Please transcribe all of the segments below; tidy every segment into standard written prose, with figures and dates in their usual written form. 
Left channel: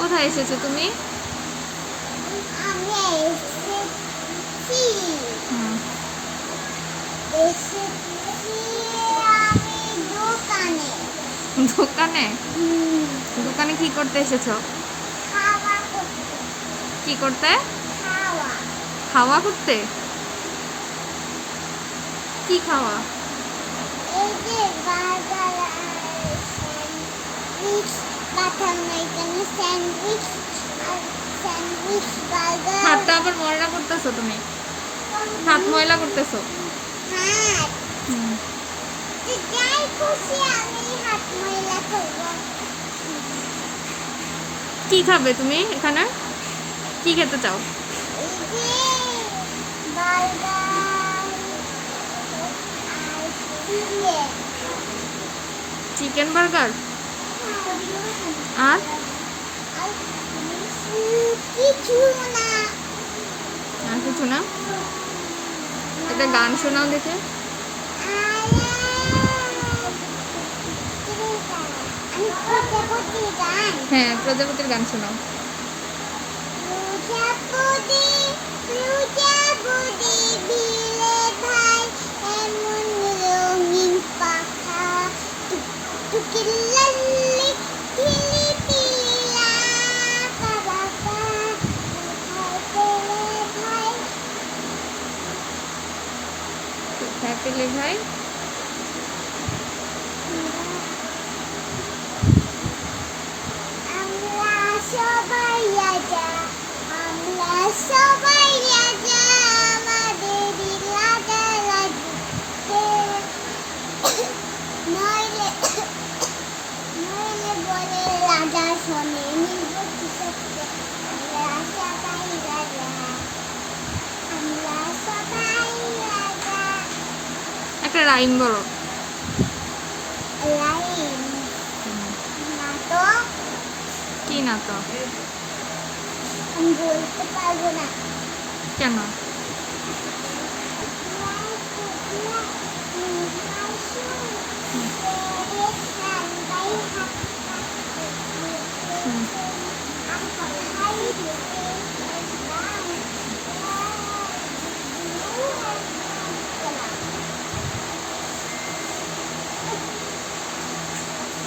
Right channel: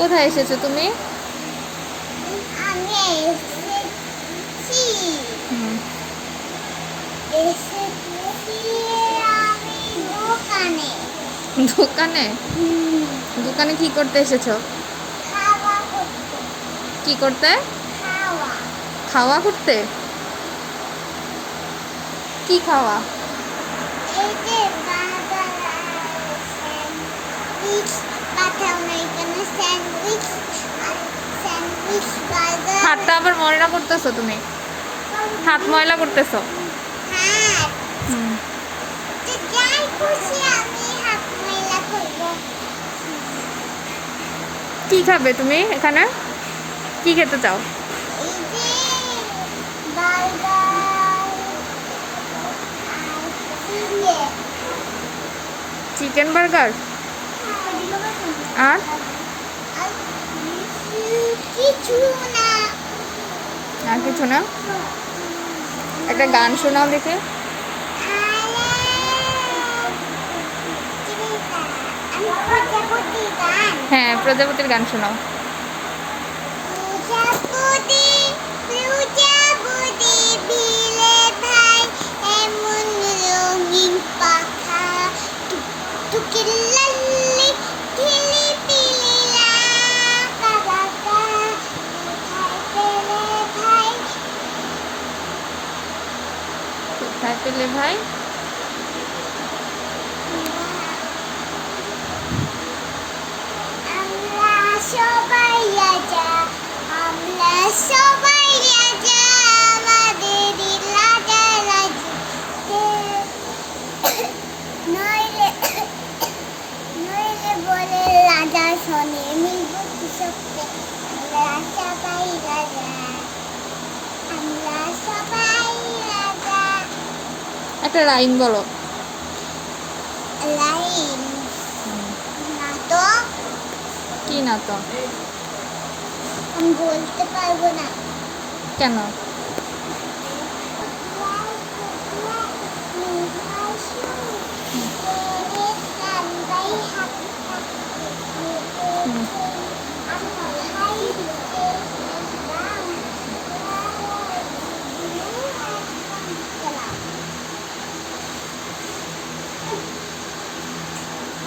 কোথায় এসেছো তুমি? আমি এসেছি হুম। এসেছি আমি দোকানে। দোকানে? হুম, দোকানে কি করতে এসেছো? খাওয়া করতে। কি করতে? খাওয়া। খাওয়া করতে? কি খাওয়া? এই যে বার্গার আর স্যান্ডউইচ পাঠানো এখানে স্যান্ডউইচ আর স্যান্ডউইচ বার্গার। হাতটা আবার ময়লা করতেছো তুমি? হাত ময়লা করতেছো? হ্যাঁ, হুম। তো যাই খুশি আমি হাত ময়লা করবো। কি খাবে তুমি এখানে? কি খেতে চাও? এই যে বার্গার আর চিকেন। চিকেন বার্গার আর আর কিছু না। আর কিছু না? একটা গান শোনাও দেখে। আমি প্রজাপতি গান। হ্যাঁ, প্রজাপতির গান শোনাও। প্রজাপতি প্রজাপতি ভিলে ভাই এমন রঙিন পাখা টুকটুকি লাল্লি ঝিলি পিলি লাকা বাকা কোথায় পেলে ভাই। কোথায় পেলে ভাই? আমরা সবাই রাজা আমরা সবাই রাজা আমাদেরই রাজা রাজতে নইলে নইলে বলে রাজা শোনে নির্ব কৃষককে আমরা সবাই রাজা আমরা সবাই রাজা। একটা রাইম বলো। লাইন না তো কি না তো? আমি বলতে পারবো না। কেন? হুম।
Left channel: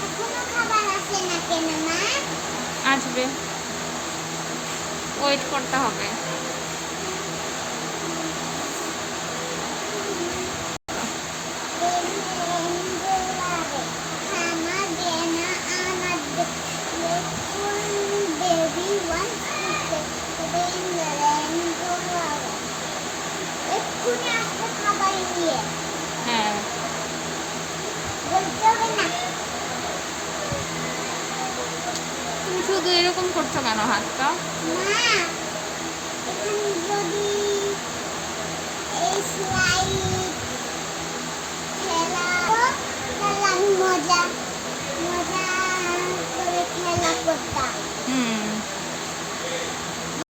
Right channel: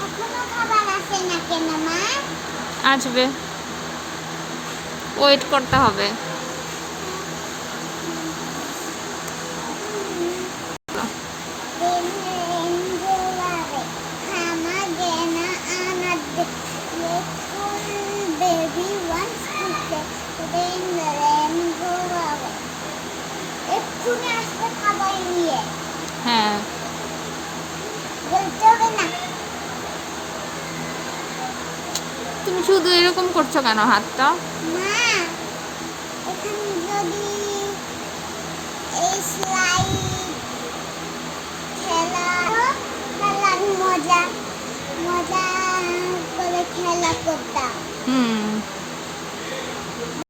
এখনো খাবার আসে না কেন মা? আসবে, ওয়েট করতে হবে। এক্ষুনি আসতে খাবার নিয়ে হ্যাঁ। বলতে হবে না। তুমি শুধু এরকম করছো কেন হাতটা? মা এখানে যদি এই স্লাইড খেলা খেলার মজা মজা করে খেলা করতাম। হুম।